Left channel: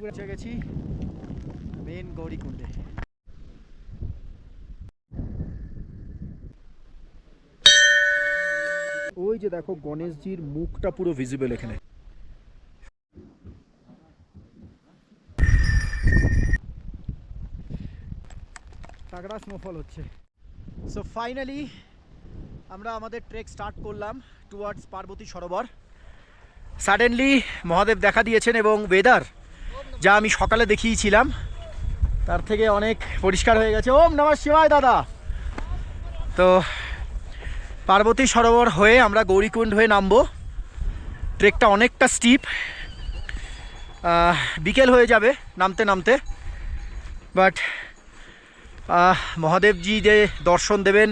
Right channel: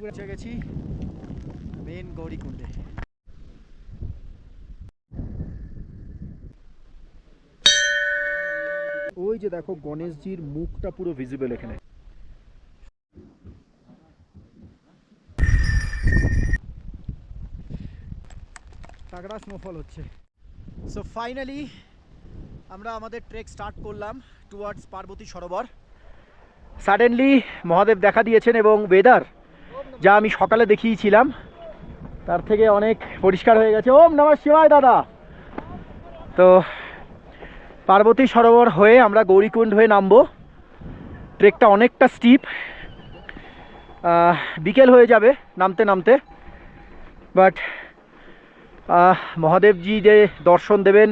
পৌঁছে গেছি মেন গৌরীকুণ্ডে। ওই যে দেখো গণেশজির মুখটা পুরো ভিজিবল এখানে। তাগড়া স্নোফল হচ্ছে। সো ফাইনালি আমরা আমাদের ট্রেক স্টার্ট করলাম টুয়ার্ডস পার্বতী সরোবর। সাডেনলি মহাদেব দেখা দিয়েছেন এবং ওয়েদার যা আমি সকালে দেখিয়েছিলাম তার থেকে অনেক পরিষ্কার হয়ে গেছে। ওম নমঃ শিবায় দাদা। তো পার্বতী সরোবর হয়ে আমরা গৌরীকুণ্ড হয়ে নামবো। ট্রেকটা অনেকটা স্টিপ, বিকেল হয়ে যাবে নামতে নামতে, বাট মহাদেবজি যে দর্শন দেবেন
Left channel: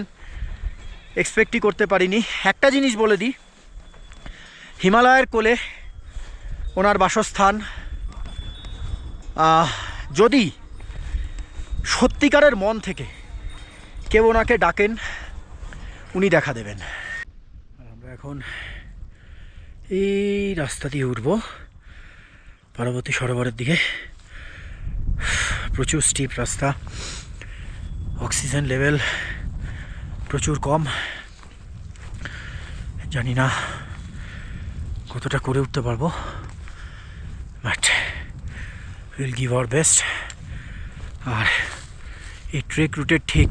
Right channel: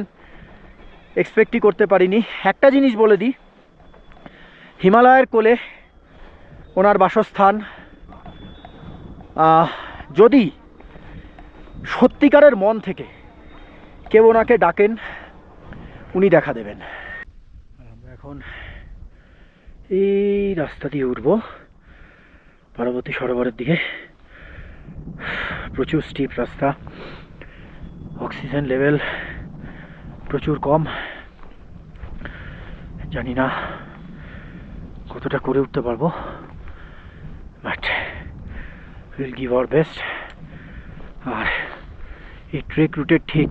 এক্সপেক্টই করতে পারিনি। একটা জিনিস বলে দিই, হিমালয়ের কোলে ওনার বাসস্থান। যদি সত্যিকারের মন থেকে কেউ ওনাকে ডাকেন উনি দেখা দেবেন। আর আমরা এখন এই রাস্তা দিয়ে উঠবো পার্বতী সরোবরের দিকে। প্রচুর স্টিপ রাস্তা, অক্সিজেন লেভেল প্রচুর কম। জানি না কতটা করে উঠতে পারবো, but will give our best. আর এই ট্রেক রুটের ঠিক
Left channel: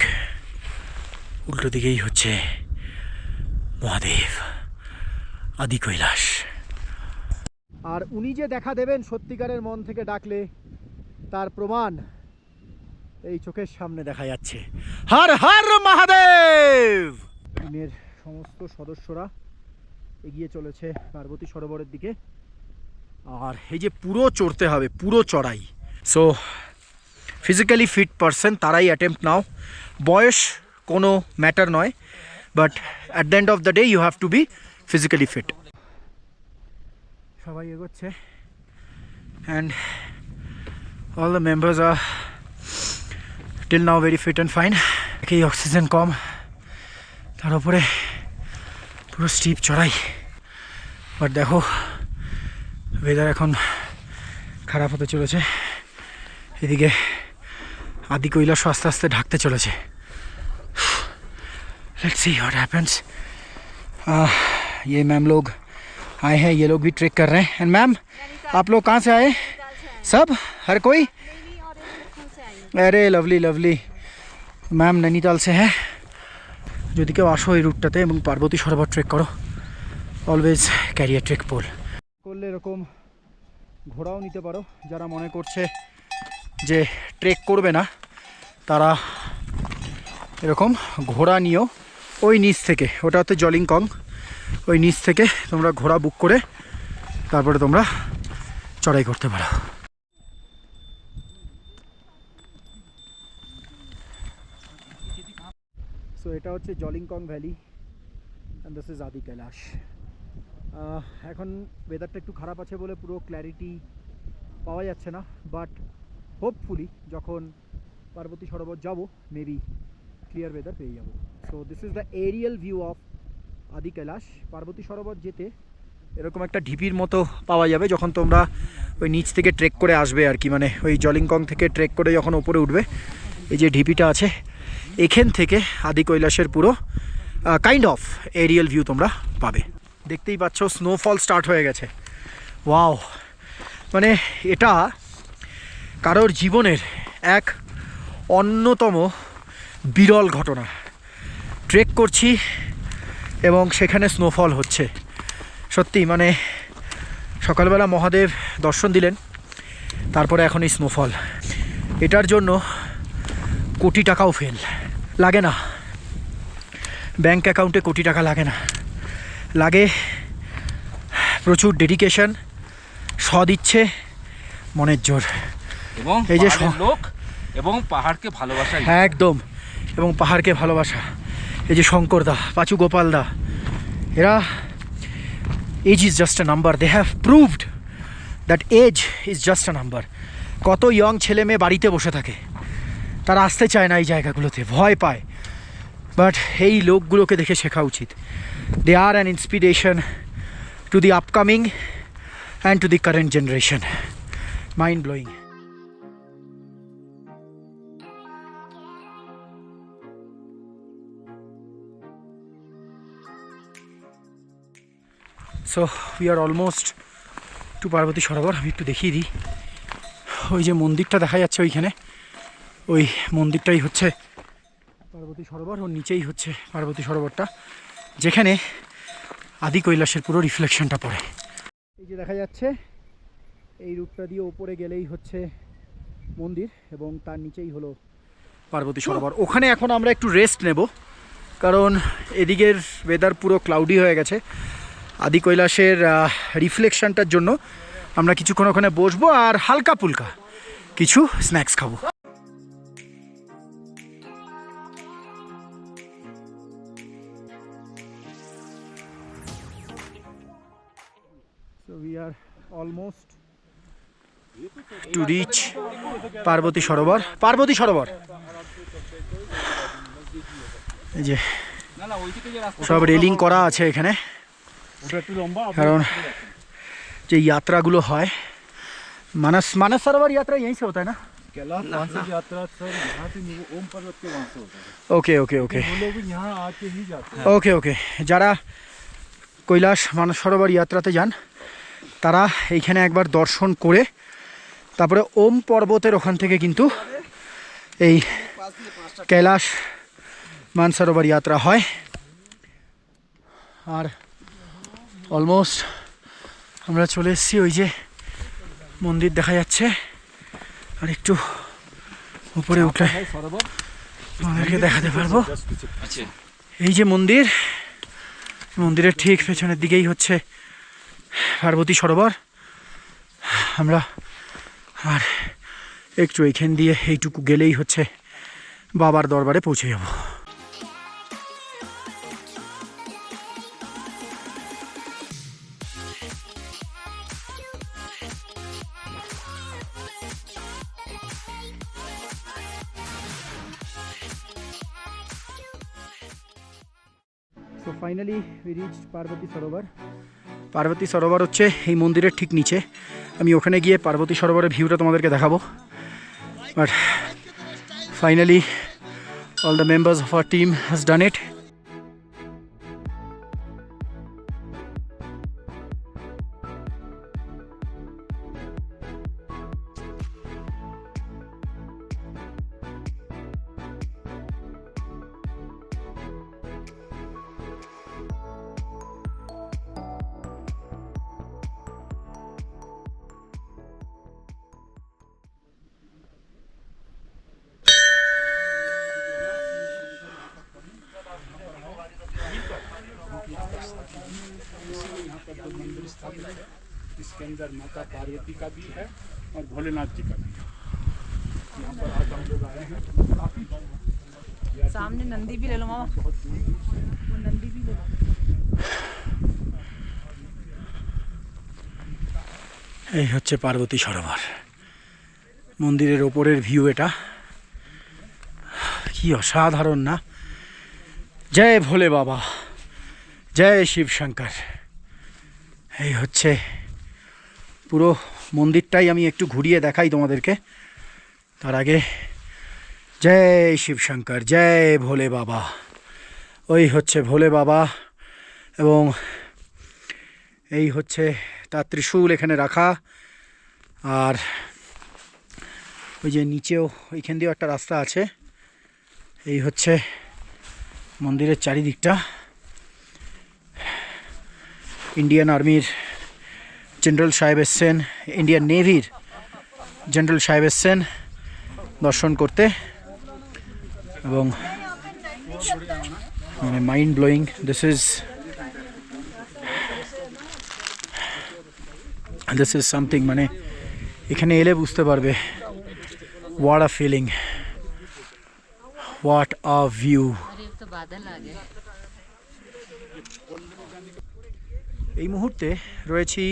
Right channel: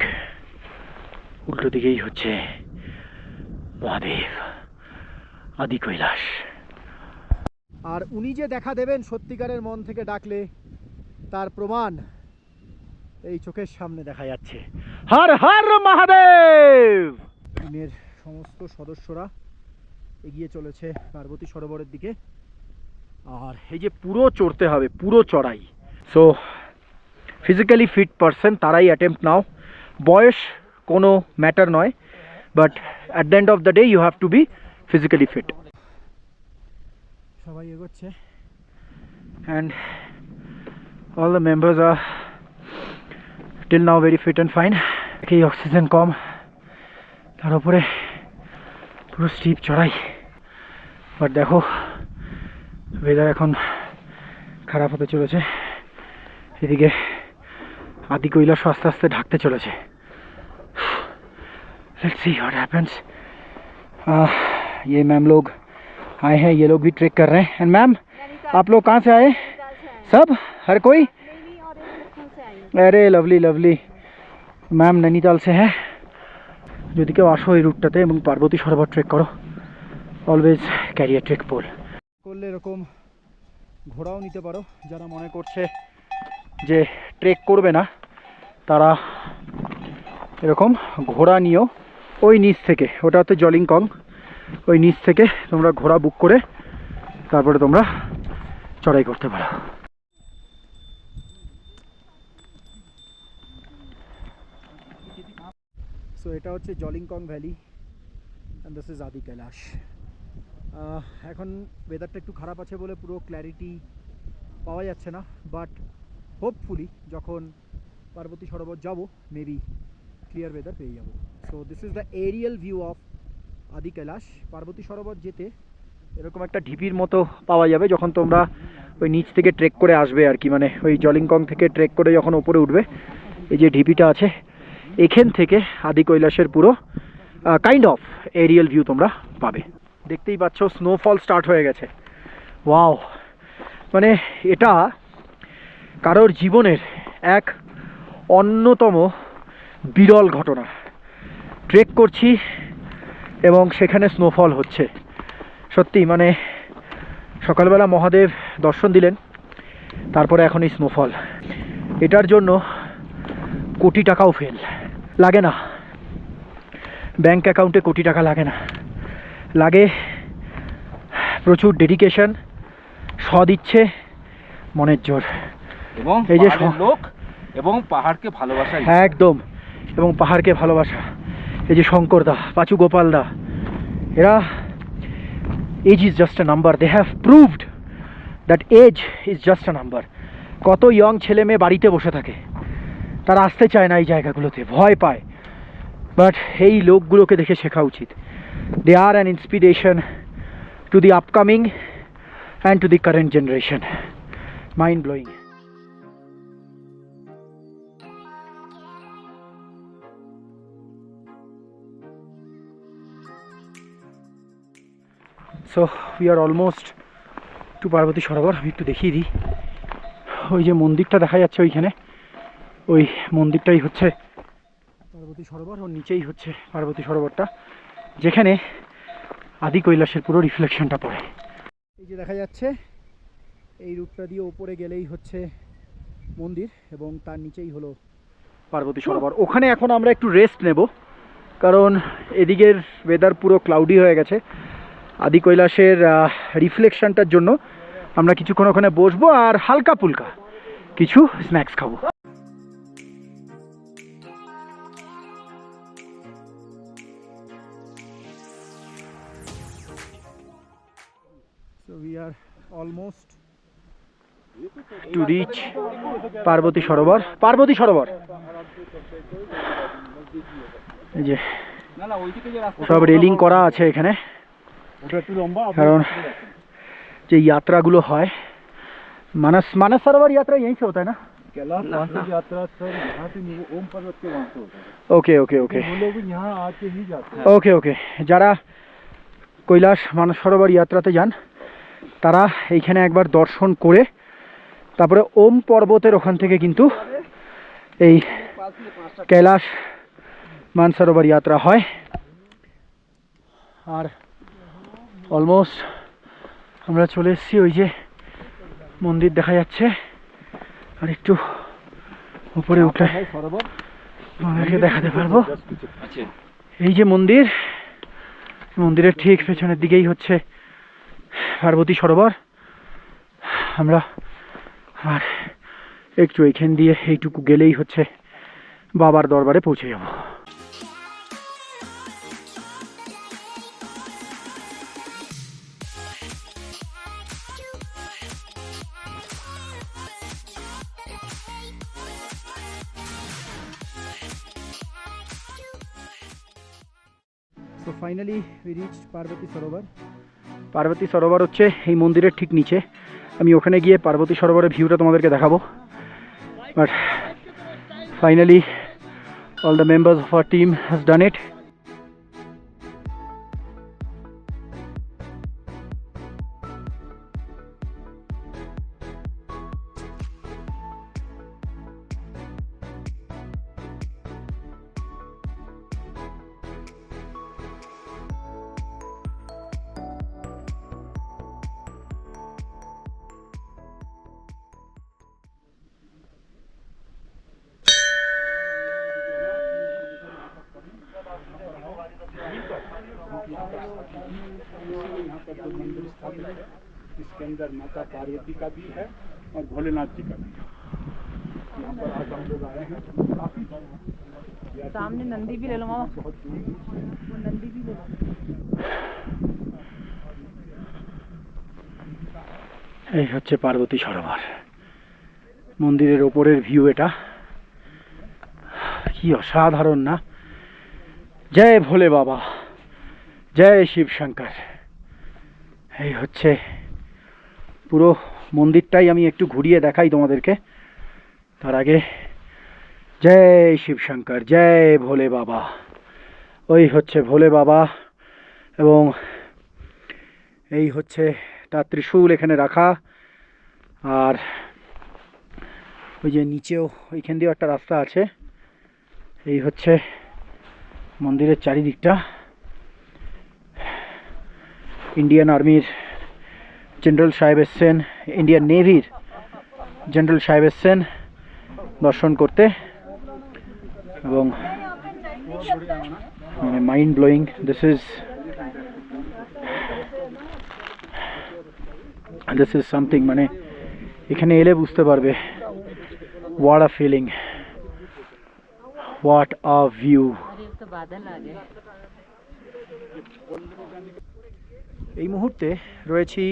উল্টো দিকেই হচ্ছে মহাদেব আদি কৈলাস। আর উনি যে দেখা দেবেন সত্যিকারের মন থেকে ডাকলে তার প্রমাণ এই চোখের সামনে দেখা যাচ্ছে। হর হর মহাদেব। টিমের সমস্ত সদস্যরা এগিয়ে চলেছে পার্বতী সরোবরের দিকে। আর এই যে পুরো চড়তে হবে, পুরো চড়াই। সো ফিজিক্যালি ফিট পারসন তারাই অ্যাটেম্প্ট নাও। বয়স কোনো ম্যাটার নয়, but at the end of the day you have to be physically fit. সবাই এগোচ্ছে অ্যান্ড অল দ্য মেম্বার্স আর till now very fit and fine. এই অক্সিজেন কম, তার উপরে পুরো স্টিপ চড়াই। বাট দেখো ওয়েদার এখন খারাপ হতে চলেছে। এদিকে আদি কৈলাস আস্তে আস্তে ঢাকতে চলেছে। Let's see what happens. ये मैम लोग आए हैं, ये लोग भी ट्रेक कर रहे हैं। एंड मैम आप लोग कहाँ से आए? सब हर कोई? अरे लवली लवली। मैम नैनीताल से हैं। যদি কেউ আসো এই রুটটাতে এবং পার্বতী সরোবর ট্রেক করো, always carry a trek pole. করলে এরকম ঘোড়াও নিতে পারো। যারা মনে করছে যে ট্রেক করবে না তারা এরকম ঘোড়া নিও। ওই নিচ থেকে, ওটা হচ্ছে জলিংকং, ওই নিচ থেকে তোমরা ঘোড়া বুক করে তারপরে তোমরা চড়াই করতে পারো। সো এটা হচ্ছে জলিংকং ভ্যালি অ্যান্ড দিস ইজ আদি কৈলাস। এখন ওয়েদারটা একটু খারাপ আছে বলে পুরো ক্ল্যারিটি পাওয়া যাচ্ছে না, বাট হোপফুলি যখন পার্বতী সরোবর যাব মেবি ক্লিয়ার ওয়েদার পেয়ে যাব। So this is the Arial view of আদি কৈলাস। পার্বতী সরোবর যেতে এরকম একটা ঢিপির মতো পাওয়া যাবে যখন তোমরা ওই নিচ থেকে ট্রেক করে আসবে আর কি, মানে ওই জলিংকং থেকে ট্রেক করে যখন ওপরে উঠবে, এই যে ঢিপিটা আছে এখান থেকে আদি কৈলাসের পুরো কাইন্ড অফ এরিয়াল ভিউ তোমরা পাবে। দেখতেই পাচ্ছ স্নোফল স্টার্ট হয়ে গেছে। ওয়াও, মানে এটা কারোর জীবনের এক অন্যতম বিরল ঘটনা। ট্রেক করছি এবং সেখানে স্নোফল হচ্ছে। সত্যি মানে সকালবেলা মহাদেব দর্শন দিলেন, তারপরে এখন এই স্নোফল। এটার জন্য কোটি টাকাও ফেল লাগে না, ব্যাংক অ্যাকাউন্টে কোটি টাকা লাগে না, লাগে প্রচুর ডেডিকেশন, সদিচ্ছে, মনের জোর এবং এই যে লোক এবং পাহাড়কে ভালোবাসা। একদম, এবং পাহাড়কে ভালোবাসা। এই যে শঙ্করদা, পাচু গোপালদা, এরা age is just a number. They have proved that age is just a number. কত ইয়ং ছেলে মেয়ে বাড়িতে বসে থাকে, তারা আসতে চায় না এই জায়গাগুলোতে, ভয় পায়, বাট এই লোকগুলোকে দেখে শেখা উচিত। They are an inspiration to the upcoming and to the current generation. Mind blowing. So we are almost to Parvati Sarovar. আমি একটু দেখিয়ে দিই, ওই যে মন্দিরটা দেখা যাচ্ছে ওইখানে, ওই মন্দিরটাই হচ্ছে পার্বতী সরোবর, ওর নিচেই হচ্ছে পার্বতী সরোবরটা, যেখানে আদি কৈলাসের পুরো রিফ্লেকশনটা পড়ে। এই যে দেখা যাচ্ছে এই রুটটা দিয়ে ওপরে গেলেই হচ্ছে মন্দির এবং তার নিচেই হলো পার্বতী সরোবর। ওখানে এখন আমরা একটু রেস্ট নেব, কারণ এদিকের ওয়েদার পুরো ক্লাউডি হয়ে গেছে। আদি কৈলাসের রিফ্লেকশনটার জন্য আমরা কিছুক্ষণ ওখানে বসবো আর হালকা পুলকা কিছু স্ন্যাক্স খাবো। So we are almost to reach Parvati সরোবর। পার্বতী সরোবর এই যে সব রেলিং করা আছে এখানে, কারণ যে यात्राগুলো হয়, मानस सरोवर यात्रा यहीं से होता है ना? यात्रा सर यहाँ से ओम पर्वत के वहाँ से होता है। ओके ओके ओके वो लोग यहाँ आके ही जाते हैं। ওকে ওকে, যারা কৈলাস মানস সরোবর যাত্রাতে যান তারা এইখানে একবার দর্শন করে তারপরে ওম পর্বতের ওখান থেকে কিন্তু এই কৈলাস মানসরোবর যাত্রা হয়। আর অলমোস্ট আমরা চলে এসেছি, ওই যে মন্দির দেখা যাচ্ছে, আর একটু উপরে উঠলে আমাদেরকে দেখাতে পারবো। এই যে মন্দির, মন্দিরের ঠিক পেছনের দিকেই হচ্ছে পার্বতী সরোবর। আমরা আর একটু এইখান দিয়ে এইটুকু গেলেই হচ্ছে বাবার দরবারে পৌঁছে যাব। তো ফাইনালি উই রিচড পার্বতী সরোবর। পার্বতী সরোবর হচ্ছে এই মন্দিরের ঠিক নিচে। আমি ওখানে গিয়ে পার্বতী সরোবরের ভিউটা তোমাদেরকে দেখাবো, but finally all the members of our team has done it. इसके अंदर माता पार्वती का भी है और भोलेनाथ जी का भी है। यहाँ पर आज हम लोग आए हैं। सामने नंदी भी ले लो मामा, वो नंदी भी ले लो। এই হচ্ছে পার্বতী সরোবর, মন্দিরের ওপরের ভিউ এটা। কি অসাধারণ না? জয় ভোলে বাবা, জয় শিব শঙ্কর। এই হচ্ছে পুরো মন্দিরটাই আমি একটু ঘুরিয়ে দেখাই তোমাদেরকে। তার আগে জয় শিব শঙ্কর, জয় ভোলে বাবা। ওই হচ্ছে ভোলে বাবা এবং এই হচ্ছে তার ত্রিশূল এখানে রাখা। আর ওই যে নিচেও ওইখান দিয়েও একটা রাস্তা আছে। এই হচ্ছে মন্দিরের চারিদিকটা। ইন্ডিয়ান আর্মির জেনারেল সাহেব এসছেন, ইন্ডিয়ান নেভির জেনারেল সাহেব এসছেন দর্শন করতে, এবং মানে mind blowing. This is something, মানে এখানে এলে বুঝতে পারবে what a feeling, what a view. तो बादल आ गए। এই মুহূর্তে রয়েছি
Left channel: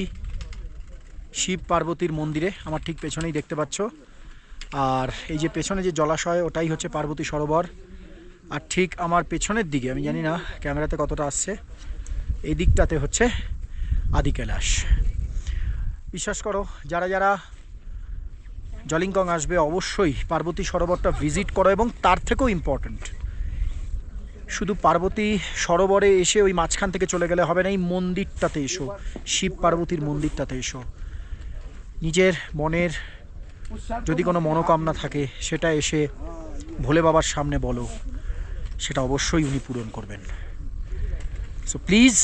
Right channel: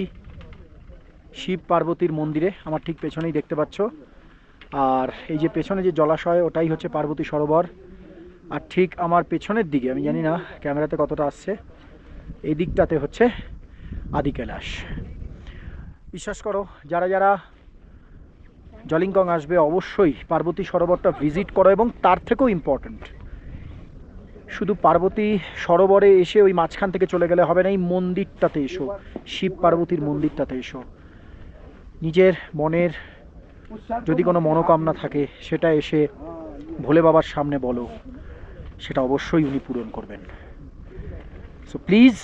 শিব পার্বতীর মন্দিরে, আমার ঠিক পেছনেই দেখতে পাচ্ছ। আর এই যে পেছনে যে জলাশয় ওটাই হচ্ছে পার্বতী সরোবর। আর ঠিক আমার পেছনের দিকে, আমি জানি না ক্যামেরাতে কতটা আসছে, এই দিকটাতে হচ্ছে আদি কৈলাস। বিশ্বাস করো, যারা যারা জলিংকং আসবে অবশ্যই পার্বতী সরোবরটা ভিজিট করো, এবং তার থেকেও ইম্পর্ট্যান্ট শুধু পার্বতী সরোবরে এসে ওই মাঝখান থেকে চলে গেলে হবে না, এই মন্দিরটাতে এসো, শিব পার্বতীর মন্দিরটাতে এসো। নিজের মনের যদি কোনো মনোকামনা থাকে সেটা এসে ভোলে বাবার সামনে বলো, সেটা অবশ্যই উনি পূরণ করবেন। সো প্লিজ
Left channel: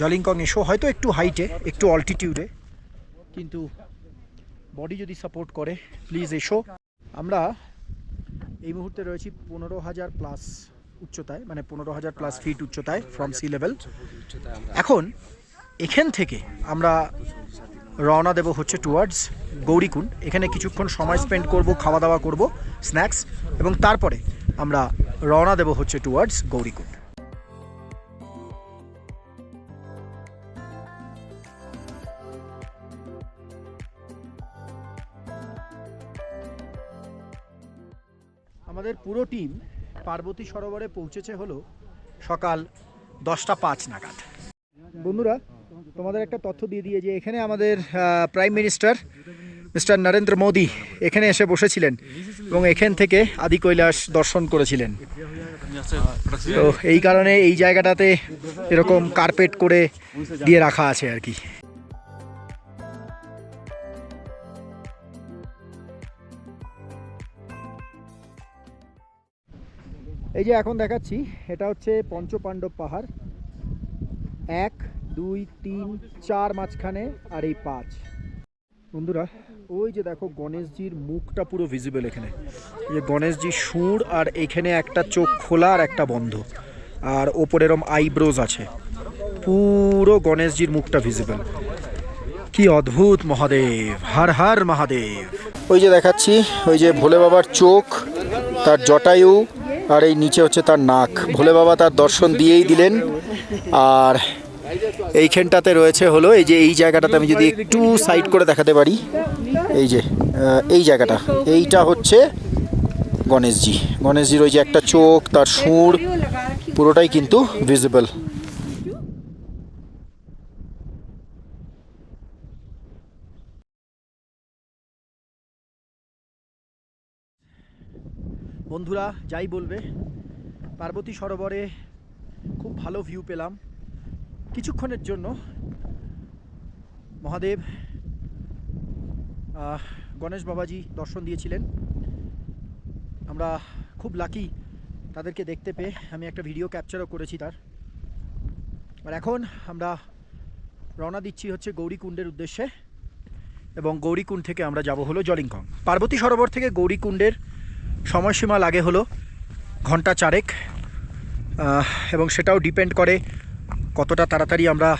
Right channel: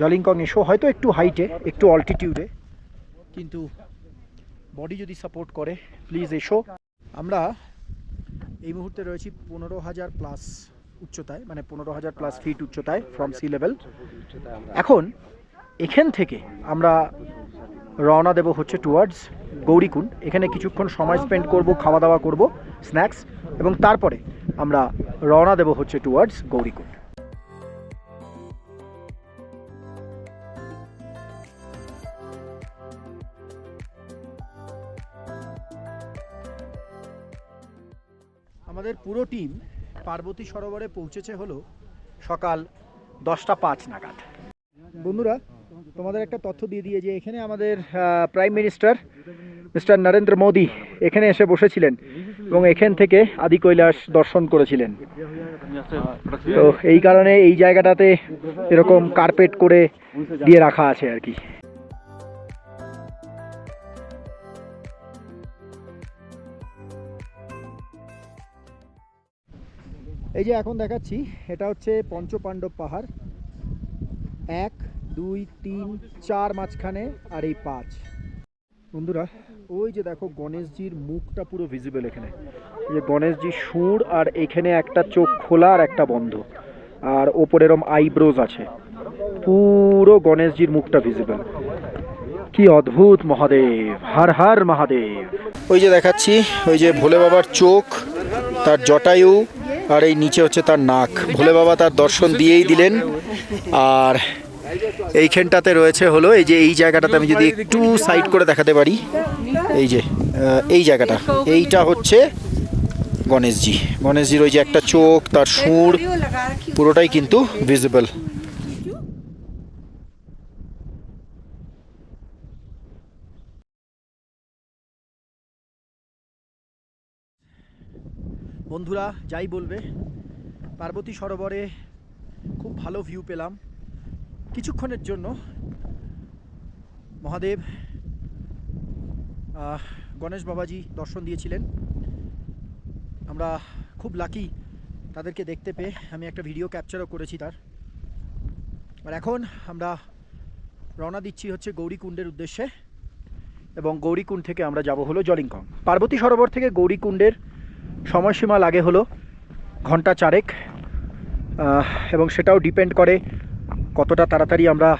জলিংকং এসো, হয়তো একটু হাইটে, একটু অল্টিটিউডে, কিন্তু বডি যদি সাপোর্ট করে প্লিজ এসো। আমরা এই মুহূর্তে রয়েছি 15,000 প্লাস উচ্চতায়, মানে 15,000 প্লাস ফিট উচ্চতায় ফ্রম সি লেভেল। এখন এখান থেকে আমরা রওনা দেব হচ্ছে টুয়ার্ডস গৌরীকুণ্ড। এখানে কিছুক্ষণ সময় স্পেন্ড করব, খাওয়া দাওয়া করব, স্ন্যাক্স, এবং তারপরে আমরা রওনা দেব হচ্ছে টুয়ার্ডস গৌরীকুণ্ড। আমাদের পুরো টিম পার্বতী সরোবরে পৌঁছেছে হলো সকাল 10:05 নাগাদ। বন্ধুরা, তোমাদের একটা তথ্য দিয়ে যে এখানে আমাদের prime minister mister Narendra Modi এখানে এসে বসেছিলেন এবং এখান থেকে আদি কৈলাস দর্শন করেছিলেন। তো এই কারণে এই জায়গাটাতে এরকম কার্পেট করে দিয়ে রাখা আছে আর কি। এই যে এখন দেখাচ্ছি, এটা হচ্ছে পঞ্চপাণ্ডব পাহাড়, 1 2 3 4 মাঝখানে, আর এই 5। বন্ধুরা, ওই যে দেখো গণেশজির মুখটা পুরো ভিজিবল এখানে। এই যে গণেশজির সুর, আর এখানে একটা চোখ খোলা আর একটা বন্ধ, আর ওপরে এরম আইব্রোজ আছে, পুরো গণেশজির মুখটা ভিজিবল। কি অদ্ভুত মহাদেব, হর হর মহাদেব। ওই যে দেখাচ্ছি, ওই যে ভোলে বাবার চোখ, তার জটায়ু, আর এই নিচে হচ্ছে তার নাক। ভোলে বাবা তার দর্শন দিয়েই দিলেন। আর এইখানটাতে রয়েছে হলো এই যে এই জায়গাটাতে, আমি যদি একটু সাইড করে দেখাতে পারি, এই যে এই জায়গাটা, এইটা হচ্ছে গণেশজির ওই যে একটা চোখ, তার সুর, পুরোটাই কিন্তু ভিজিবল। বন্ধুরা, যাই বলবে, পার্বতী সরোবরে খুব ভালো ভিউ পেলাম কিছুক্ষণের জন্য। মহাদেব গণেশ বাবাজি দর্শন দিয়েছিলেন। আমরা খুব লাকি তাদেরকে দেখতে পেয়ে। আমি একটা ভিডিও ক্যাপচারও করেছি তার। আর এখন আমরা রওনা দিচ্ছি হচ্ছে গৌরীকুণ্ডের উদ্দেশ্যে, এবং গৌরীকুণ্ড থেকে আমরা যাব হলো জলিংকং। পার্বতী সরোবর থেকে গৌরীকুণ্ডের সময়সীমা লাগে হলো ঘন্টা 4, এবং সেটাও ডিপেন্ড করে কতটা তাড়াতাড়ি আমরা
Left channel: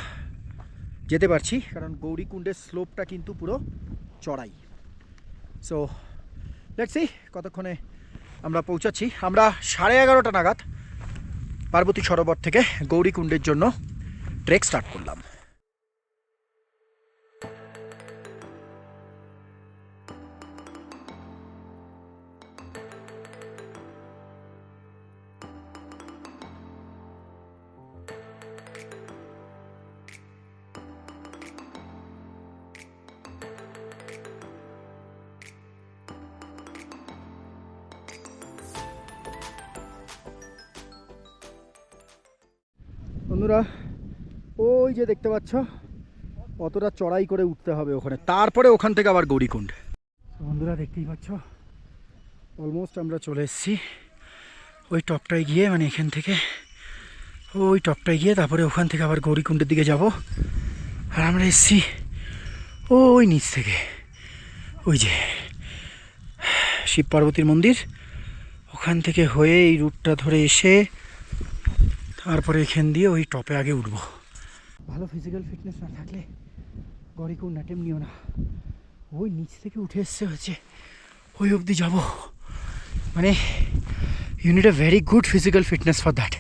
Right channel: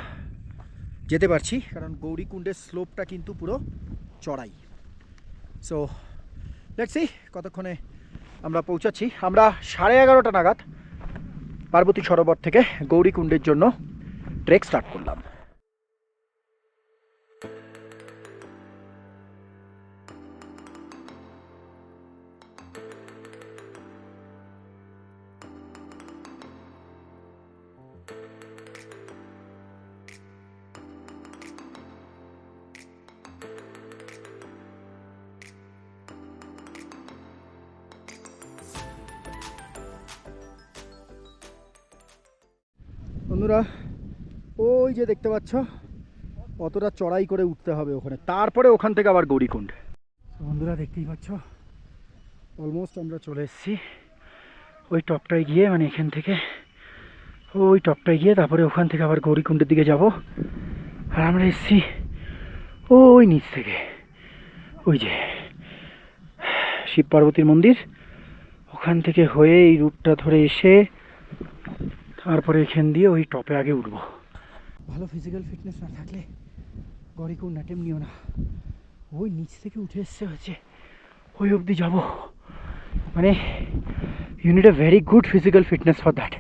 যেতে পারছি, কারণ গৌরীকুণ্ডের স্লোপটা কিন্তু পুরো চড়াই। সো লেটস সি কতক্ষণে আমরা পৌঁছাচ্ছি। আমরা 11:30 নাগাদ পার্বতী সরোবর থেকে গৌরীকুণ্ডের জন্য ট্রেক স্টার্ট করলাম। বন্ধুরা, ওই যে দেখতে পাচ্ছ, অতটা চড়াই করে উঠতে হবে ওখানে, তারপরে ওখান থেকে আবার গৌরীকুণ্ড। বন্ধুরা, দেখতেই পাচ্ছ অলমোস্ট আমরা চলে এসেছি ওই টপটায় গিয়ে, মানে এখান থেকে ওই টপটায় গিয়ে তারপরে ওখান থেকে আবার গৌরীকুণ্ডের দিকে যাব। আর আমরা এসেছি ওই নিচ থেকে, ওই যে শিব পার্বতীর মন্দির, ওখান থেকে হয়ে এই রুটটা ধরে এসে তারপরে এখান দিয়ে ওই টপে আগে উঠবো। ভালো ফিজিক্যাল ফিটনেস না থাকলে গৌরীকুণ্ড অ্যাটেম্প নিও না। ওই নিচ থেকে উঠে এসছে হচ্ছে ওই অবধি যাব, মানে you need a very good physical fitness for that.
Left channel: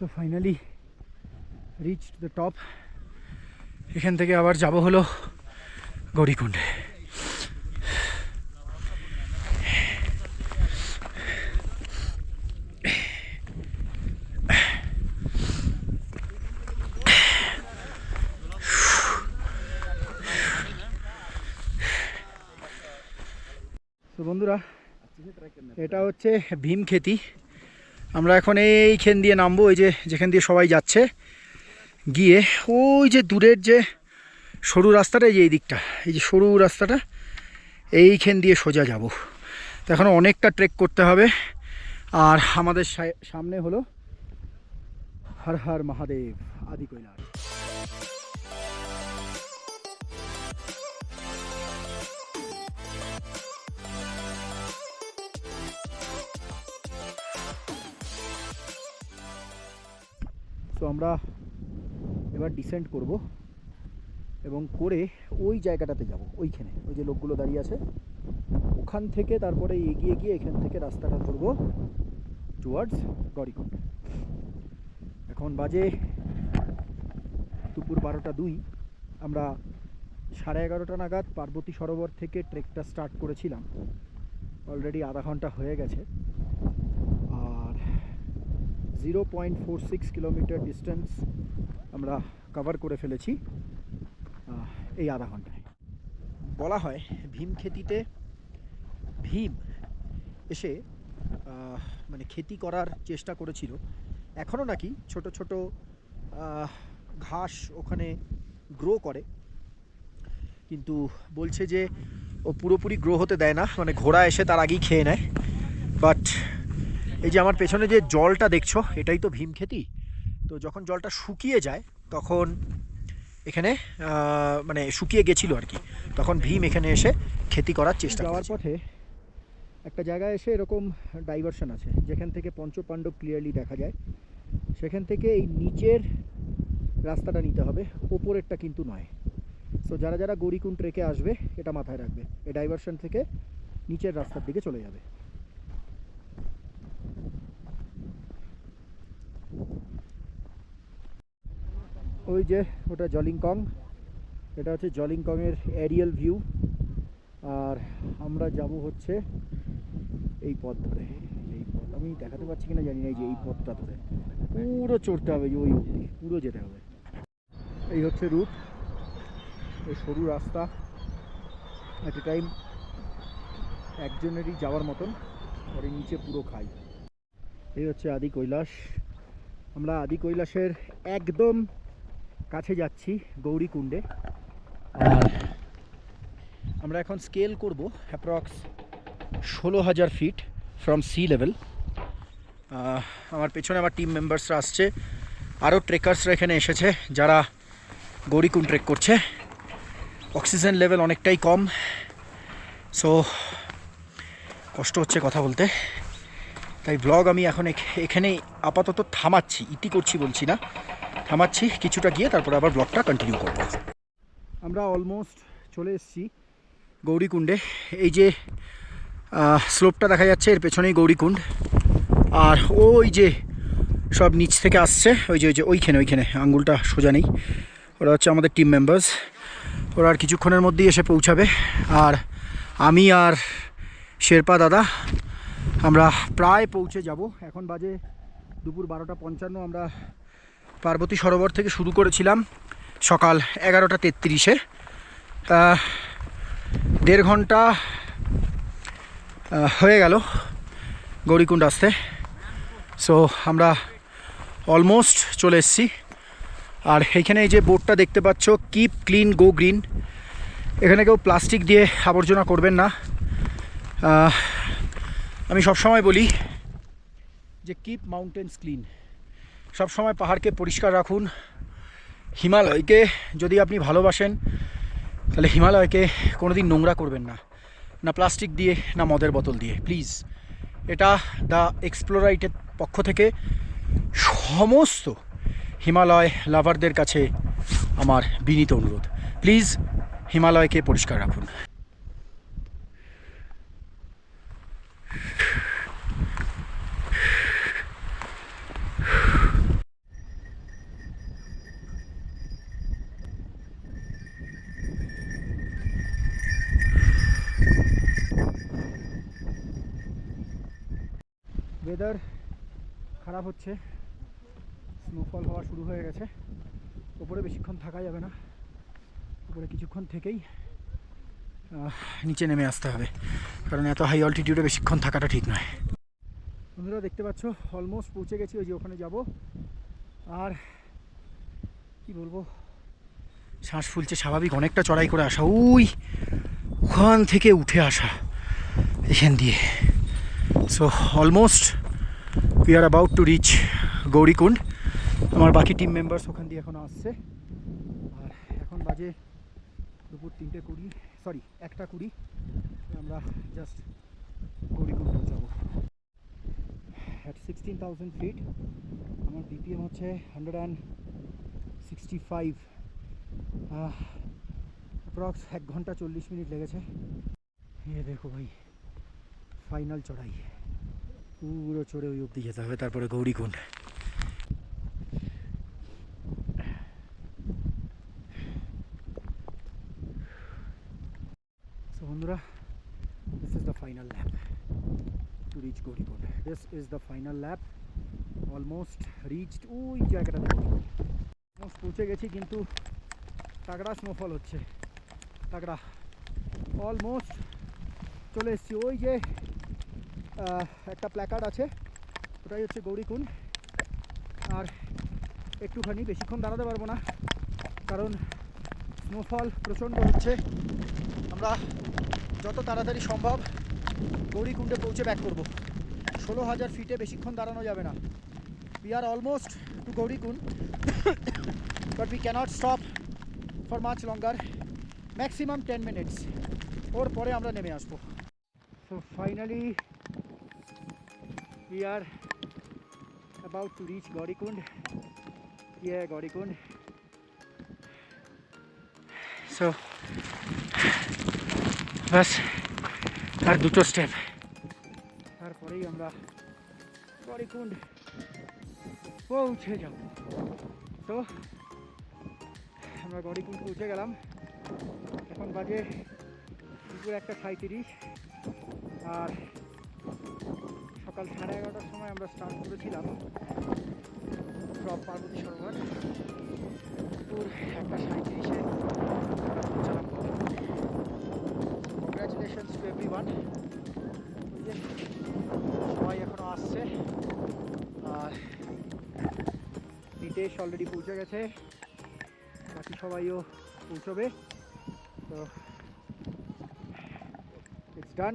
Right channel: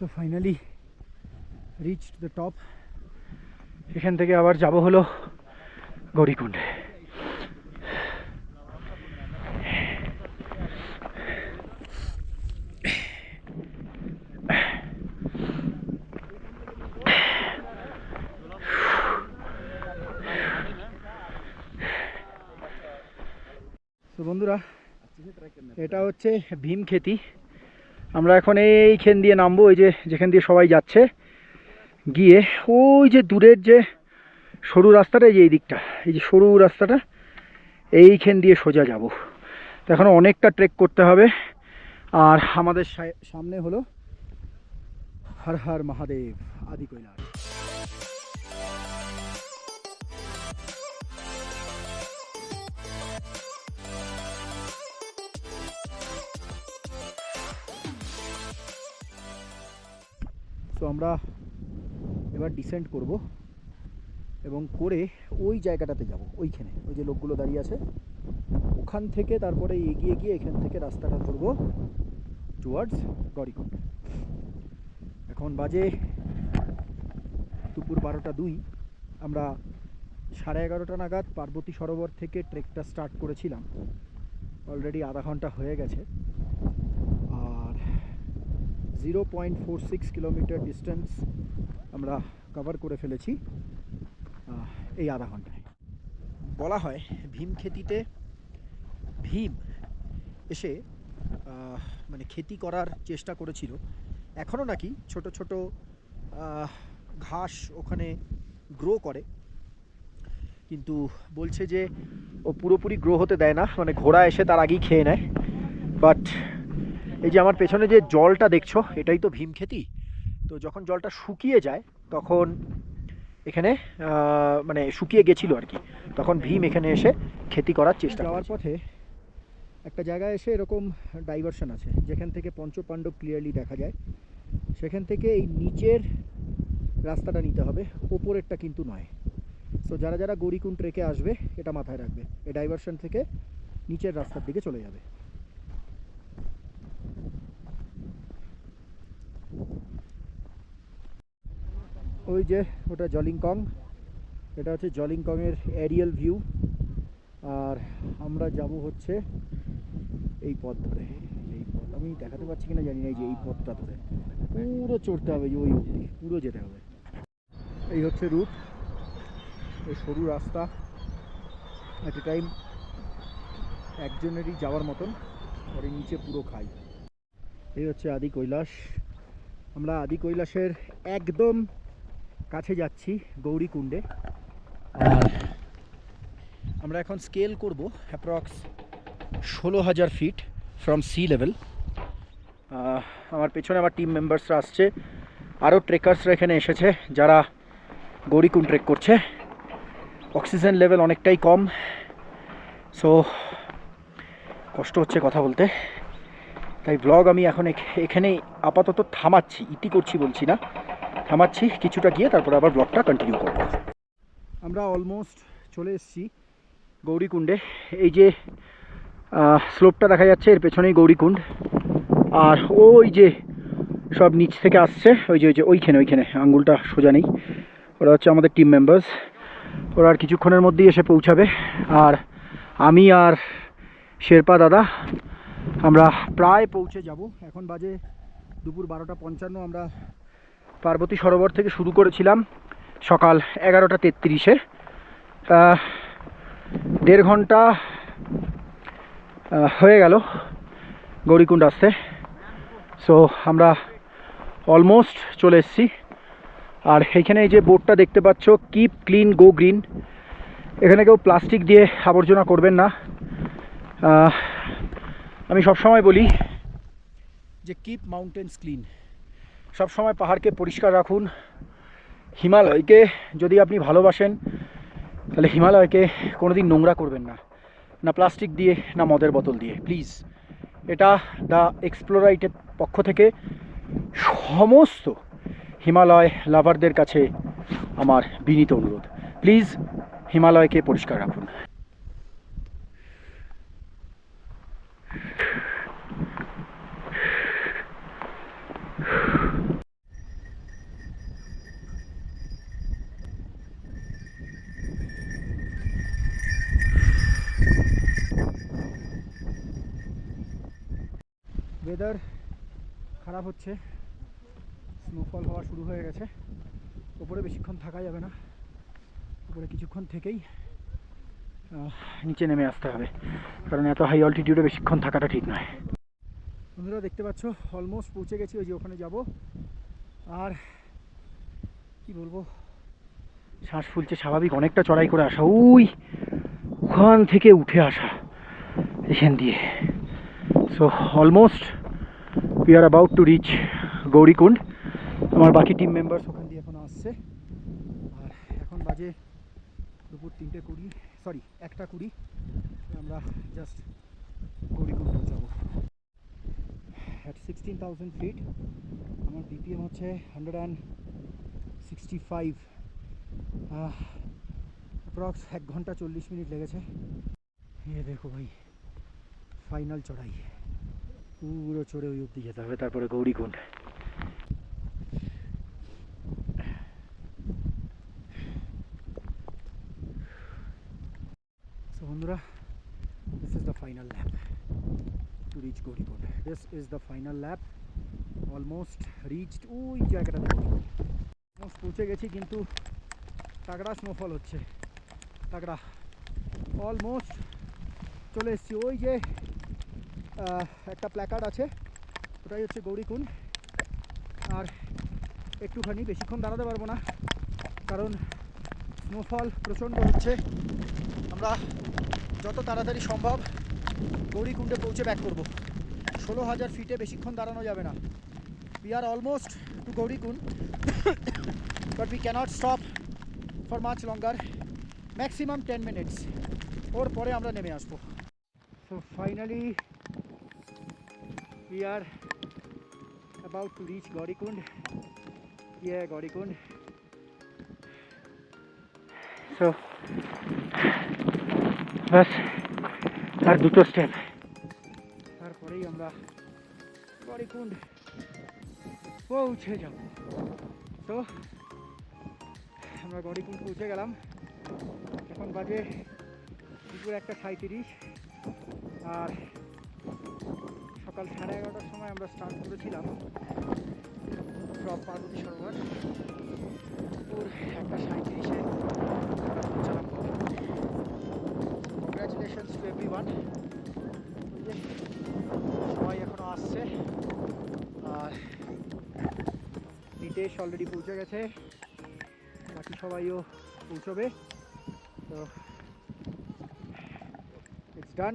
So finally reach the top. এখান থেকে আবার যাব হলো গৌরীকুণ্ডে। তো বন্ধুরা, এটা হচ্ছে ভীমক্ষেতি। আমরা এখন এইখান দিয়ে নামবো, ওই যে যেখান দিয়ে সবাই যাচ্ছে, গিয়ে ওই যে দূরের যে সরু রাস্তাটা, এই যে এই দিকটা, এই যে সরু রাস্তাটা, এইখান দিয়ে সোজা যাব। তো এখন অনেকটা ট্রেক করতে হবে। আর আমাদের সামনে হলো হর হর মহাদেব আদি কৈলাস। তো আমরা এবার ডিসেন্ড করব এবং করে ওই জায়গাটাতে যাব, ওইখানে ওই যে লোকগুলো দাঁড়িয়ে আছে ওখান থেকে তারপরে এগিয়ে গিয়ে এখান থেকে রাস্তাটা ধরবো টুয়ার্ডস গৌরীকুণ্ড। এখন বাজে দুপুর 12টা 2। আমরা 11:30 নাগাদ পার্বতী সরোবর থেকে ট্রেকটা স্টার্ট করেছিলাম। অলরেডি আধা ঘন্টা হয়ে গেছে। আর 0.46 কিলোমিটার ডিস্টেন্স আমরা কভার করে ফেলেছি এই আধা ঘন্টায়। বলা হয় ভীমক্ষেতিতে ভীম এসে মানে খেতি করার চেষ্টা করেছিল। এখনও নাকি ছোট ছোট ঘাস ওখানে গ্রো করে, কিন্তু বলছে যে ও পুরোপুরি গ্রো হতে দেয় না, মানে ঘোড়া এসে তার আগেই খেয়ে নেয়। বাট এই যে আমার পেছনে যে জলটা দেখছো, এটাই তো ভীমক্ষেতি। তো যখন জলটা শুকিয়ে যায় তখন এখানে মানে শুকিয়ে গেছিলো আর কি, তখন ভীম এখানে এসে খেতি করার চেষ্টা। যাওয়ার পথে একটা জায়গায় এসে এরকম ডাইভারশন আছে যেখান থেকে পঞ্চপাণ্ডব ক্লিয়ারলি দেখা যায়। সেখান থেকে এই নিচের রাস্তাটা নিতে হবে, ওপরেরটা কিন্তু নয়। সো যারা যারা গৌরীকুণ্ড ট্রেকে আসবে এটা মাথায় রাখবে, এই ডাইভারশন থেকে নিচের রাস্তার দিকে চলে যাবে। ওই যে ওটা জলিংকং, এটা হচ্ছে জলিংকংয়ের এরিয়াল ভিউ। আর আমরা যাব হচ্ছে এই পথ ধরে। এই পথ আমি দেখাতে পারছি কিনা জানি না, এই যে এই পথটা ধরে পুরো চড়তে হবে, ওই অবধি পুরো যেতে হবে। এই হচ্ছে রুট, এই সরু রাস্তা, এট এ টাইম একজনেরই যাওয়ার মতন। আর এই নিচে পুরো খাই। এই হচ্ছে আদি কৈলাস। আমরা আদি কৈলাসের একদম কাছে যাচ্ছি গৌরীকুণ্ডে। আর আমরা এখন স্কেল করব approx 16,000 feet from sea level. আমার পেছনে আমার টিম মেম্বার্সরা আসছে, আরও ট্রেকার্সরা এখানে এসেছে যারা গৌরীকুণ্ড ট্রেক করছে। অক্সিজেন লেভেল অনেকটাই কম, সো কষ্ট হচ্ছে কথা বলতে। তাই ব্লগ আমি এখন এখানেই আপাতত থামাচ্ছি, ইতি করছি বলছি না, থামাচ্ছি, কিছুটা গিয়ে তারপরে আবার ব্লগটা কন্টিনিউ করব। আমরা অলমোস্ট চলে এসেছি গৌরীকুণ্ডে। এই যে স্লোপটা দেখা যাচ্ছে এর পেছনেই গৌরীকুণ্ড। আর ওই যে সব নিচ থেকে আসছে, ওই যে ওইখানে আঙ্গুলটা সোজা নেই, ওরা হচ্ছে আমাদের টিম মেম্বার্স। ওরা আর কিছুক্ষণের মধ্যেই এসে পৌঁছাবে। আর আমি আর শেরপা দাদা আমরা প্রায় পৌঁছে যাব। এখন বাজে দুপুর 12:55। আমরা পার্বতী সরোবর থেকে শুরু করেছিলাম সকাল 11:33-এ। 1.5 ঘন্টা হয়ে গেল গৌরীকুণ্ড আসতে। সো আমরা অলমোস্ট চলে এসেছি। আর এইখানে এই যে বোর্ডটা দেখতে পাচ্ছ, কিপ ক্লিন গো গ্রিন। এখানে কেউ প্লাস্টিক দিয়ে আবর্জনা করবেন না। আমি সবসময় বলি যে কিপ মাউন্টেন্স ক্লিন, সবসময় পাহাড়কে পরিষ্কার রাখুন। হিমালয়কে যদি আপনি ভালোবাসেন তাহলে হিমালয়কে কোনোদিন নোংরা করবেন না, না প্লাস্টিক দিয়ে না মদের বোতল দিয়ে, প্লিজ। এটা দ্য এক্সপ্লোরাইটের পক্ষ থেকে সমস্ত হিমালয় লাভারদের কাছে আমার বিনীত অনুরোধ, প্লিজ হিমালয়কে পরিষ্কার রাখুন। ওয়েদার খারাপ হচ্ছে, স্নোফল হওয়া শুরু হয়ে গেছে। ওপরে বেশিক্ষণ থাকা যাবে না, উপরে কিছুক্ষণ থেকেই নিচে নেমে আসতে হবে, কারণ এত হাই অল্টিটিউডে বেশিক্ষণ থাকাটা ঠিক নয়। বন্ধুরা দেখতে পাচ্ছ অলমোস্ট পৌঁছে গেছি, ওই যে ওখানে যাব। আর কি বলবো, শ্বাস ফুলছে স্বাভাবিক, অনেকটা চড়াই করে আসা, ওখান থেকে উঠে আসা এখান দিয়ে। So almost we are about to reach Gaurikund. আমার বাকি টিম মেম্বার্স ওখান দিয়ে এখনও আসছে। আর এখন বাজে দুপুর 3:20, সরি 1:20। আমরা জাস্ট গৌরীকুণ্ড যাব। অ্যাট 16,000 ফিট আমার বিপিএম হচ্ছে 165। অ্যাপ্রক্স 1 ঘন্টা 40 মিনিট লেগেছে। এ দেখো ভাই, ফাইনাল চড়াই, পুরো চড়ে ওই অবধি যেতে হবে, তারপরে গৌরীকুণ্ড। So বন্ধুরা, this is the final lap to reach Gaurikund. This is the final lap. Almost reached, ওই জায়গাটা দেখো, অলমোস্ট পৌঁছে গেছি, কিন্তু তাগড়া স্নোফল হচ্ছে, তাগড়া। অলমোস্ট চলে এসেছি। ওই যে একটা প্ল্যাকার্ড আছে, ওটাই হচ্ছে গৌরীকুণ্ড। আর একটুখানি, বেশিক্ষণ দাঁড়াতে পারবো না, কারণ স্নোফল প্রচণ্ড হচ্ছে। আমরা যত তাড়াতাড়ি সম্ভব গৌরীকুণ্ডে পৌঁছে ব্যাক করব। 16,000 ফিটে বেশিক্ষণ দাঁড়ানো যাবে না। We are almost to Gaurikund, but we cannot stop for much longer. Maximum 10 minutes. ওর পরে আমরা নেমে আসবো। So finally we are about to reach Gaurikund. Yeah, Gaurikund. So বাস আর দুটো স্টেপ, তারপরেই আমরা গৌরীকুণ্ড পৌঁছে যাব। তো আমরা গৌরীকুণ্ড পৌঁছে গেলাম। এখন বাজে দুপুর 1:37। আর সকাল 11:30টার সময় আমরা স্টার্ট করেছিলাম ফ্রম পার্বতী সরোবর। দুপুর 1:37-এ পৌঁছালাম। Congratulations to everyone. সবাই এখনো আসছে। আর নিতেশ অলরেডি পৌঁছে গেছে, বাকি সবাইও পৌঁছবে। তো it's done.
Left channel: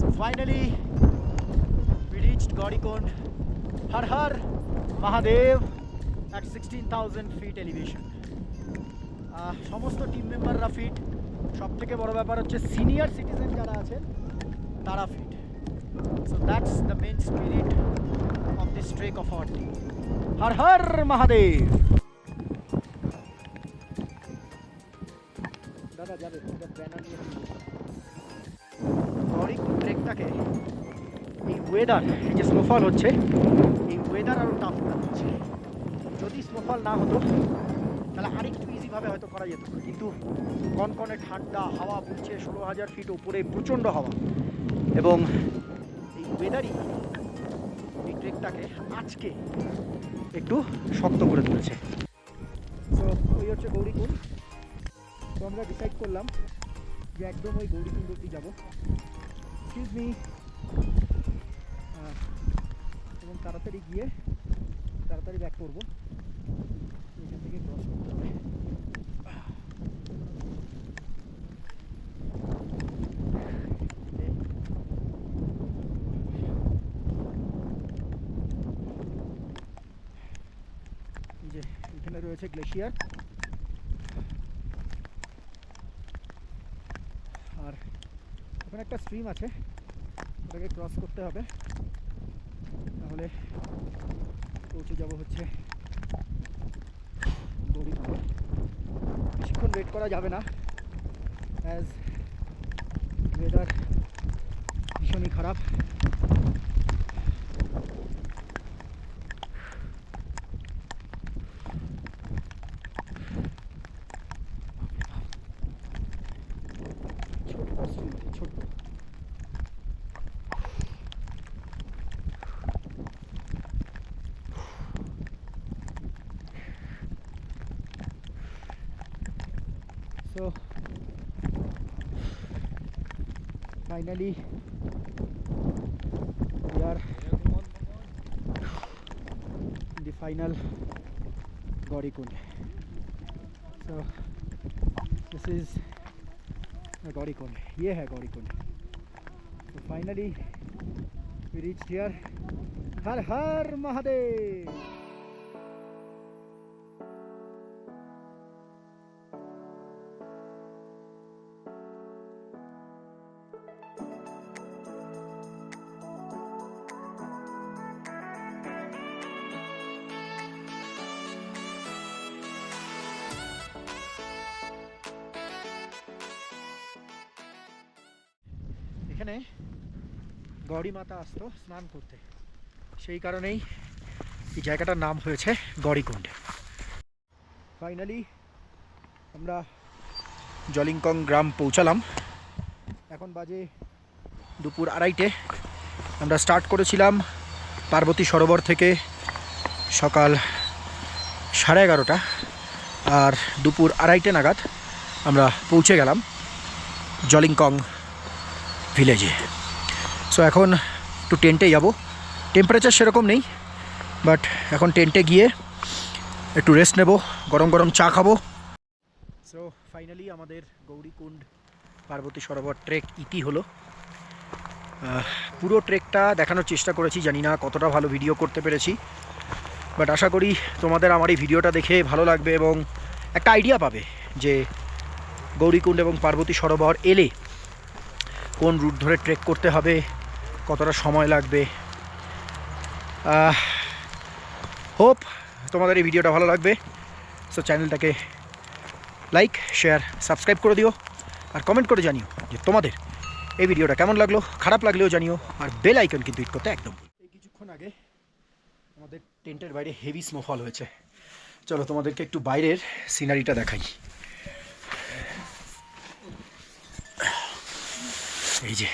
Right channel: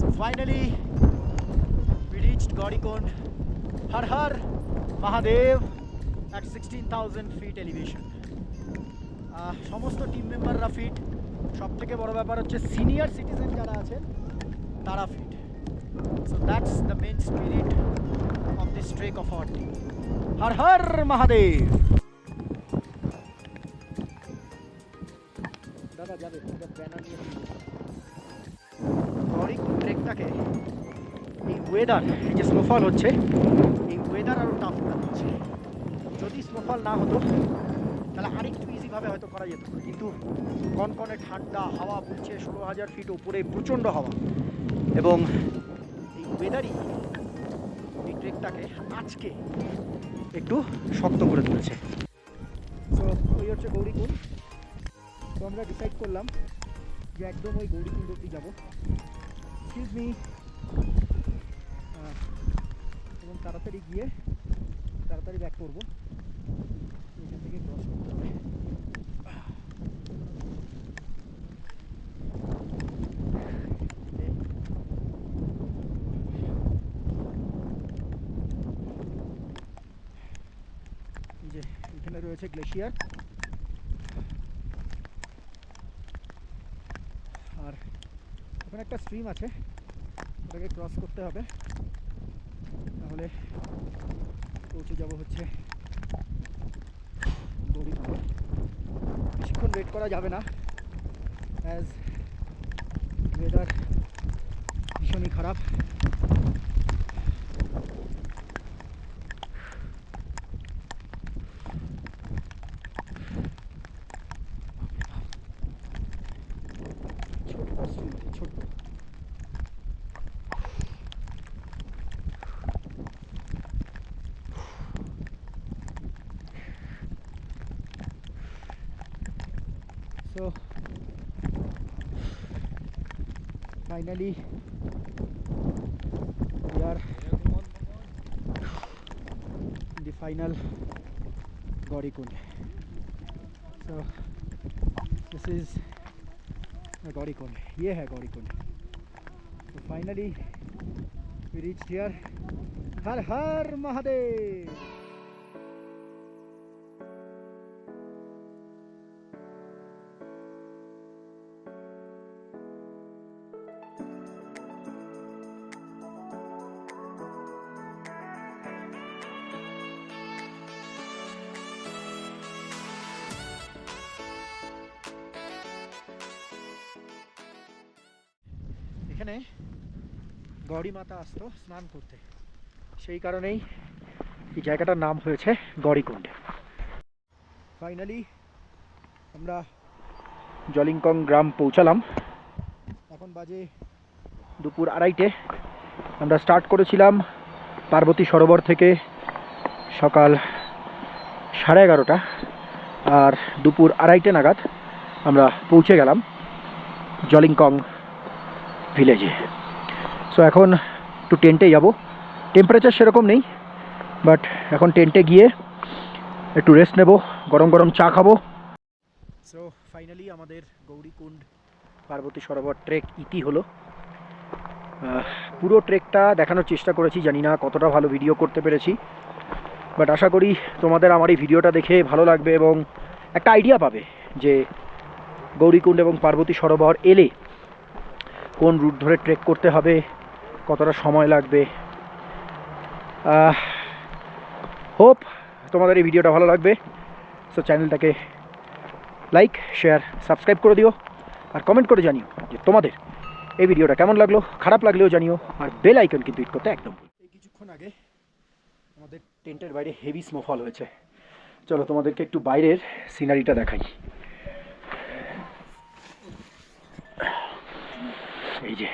So finally we reached Gaurikund. Har Har Mahadev at 16,000 feet elevation. সমস্ত টিম মেম্বাররা ফিট। সব থেকে বড় ব্যাপার হচ্ছে সিনিয়র সিটিজেন যারা আছেন তারা fit. So that's the main spirit of this trek of our team. Har Har Mahadev. দাদা যাবে, ব্যানার নিয়ে গৌরীকুণ্ড ট্রেকটাকে এই ওয়েদার, এই যে স্নোফল হচ্ছে, এই ওয়েদার আরও টাফ হচ্ছে। যদি স্নোফল না হতো তাহলে আরেকটু ইজিভাবে হয়তো করা যেত, কিন্তু কনকনে ঠান্ডা হাওয়া বইছে, 16,000 ফিট উপরে প্রচণ্ড হাওয়া, এবং এই ওয়েদারই এই ট্রেকটাকে আজকে একটু শক্ত করে তুলেছে। তো ওই হচ্ছে গৌরীকুণ্ড। তো আমরা ডিসাইড করলাম যে একদম ওই গৌরীকুণ্ড অবধি যাবো। Excuse me. এবং তাড়াতাড়ি গিয়ে তাড়াতাড়ি ব্যাক করবো, এখান থেকে ক্রস করতে হবে। যে এখানে রয়েছে গ্লেশিয়ার, আর ওখানে একটা স্ট্রিম আছে, ওটাকে ক্রস করতে হবে, তাহলে পৌঁছে যাব হচ্ছে গৌরীকুণ্ড। বেশিক্ষণ ওয়েট করা যাবে না, অ্যাজ ওয়েদার ভীষণই খারাপ। ছোট্ট স্ট্রিম, ছোট্ট finally we are in the final Gaurikund. So this is Gaurikund. ये है Gaurikund. So finally we reached here. हर हर महादेव. এখানে গৌরী মাতা আসতো স্নান করতে, সেই কারণেই এই জায়গাটার নাম হয়েছে গৌরীকুণ্ড। ফাইনালি আমরা জলিংকং গ্রাম পৌঁছালাম। এখন বাজে দুপুর 2:30। আমরা স্টার্ট করেছিলাম পার্বতী সরোবর থেকে সকাল 11:30, আর দুপুর 2:30 নাগাদ আমরা পৌঁছে গেলাম জলিংকং ভিলেজে। সো এখন একটু টেন্টে যাব। টেম্পারেচার সেরকম নেই, বাট এখন টেন্টে গিয়ে একটু রেস্ট নেব, গরম গরম চা খাবো। সো ফাইনালি আমাদের গৌরীকুণ্ড পার্বতী সরোবর ট্রেক ইতি হলো। পুরো ট্রেকটা দেখানোর চেষ্টা করেছি, জানি না কতটা ভালো ভিডিও করতে পেরেছি, বাট আশা করি তোমাদের আমার এই ভিডিওটা দেখে ভালো লাগবে এবং একটা আইডিয়া পাবে যে গৌরীকুণ্ড এবং পার্বতী সরোবর এলে কোন রুট ধরে ট্রেক করতে হবে, কতটা সময় লাগবে। হোপ তোমাদের এই ভিডিওটা ভালো লাগবে। সো চ্যানেলটাকে লাইক, শেয়ার, সাবস্ক্রাইব করে দিও, আর কমেন্ট করে জানিও যে তোমাদের এই ভিডিওটা কেমন লাগলো। খারাপ লাগলেও জানিও, আর বেল আইকন কিন্তু হিট করতে একদম। এই কিছুক্ষণ আগে আমাদের টেন্টের বাইরে হেভি স্নোফল হয়েছে। চলো তোমাদেরকে একটু বাইরের সিনারিটা দেখাই। এই যে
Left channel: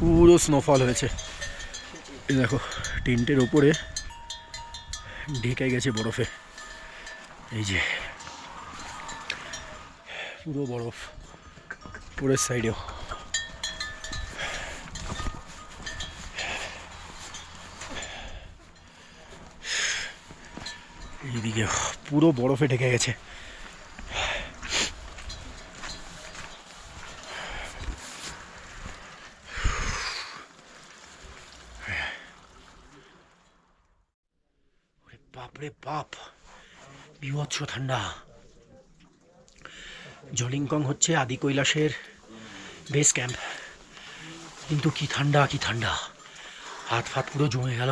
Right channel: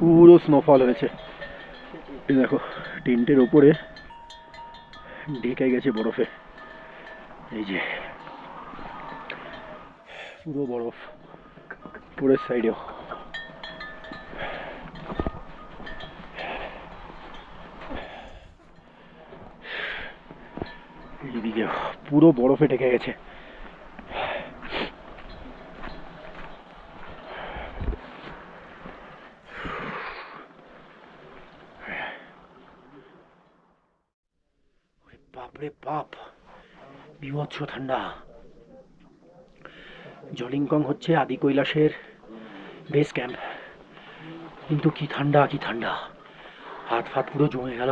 পুরো স্নোফল হয়েছে, এই দেখো টেন্টের ওপরে ঢেকে গেছে বরফে। এই যে পুরো বরফ, পুরের সাইডেও। এইদিকে পুরো বরফে ঢেকে গেছে। বাপরে বাপ, বিভৎস ঠান্ডা। জলিংকং হচ্ছে আদি কৈলাসের বেস ক্যাম্প, কিন্তু কি ঠান্ডা, কি ঠান্ডা, হাত ফাত পুরো জমে গেল।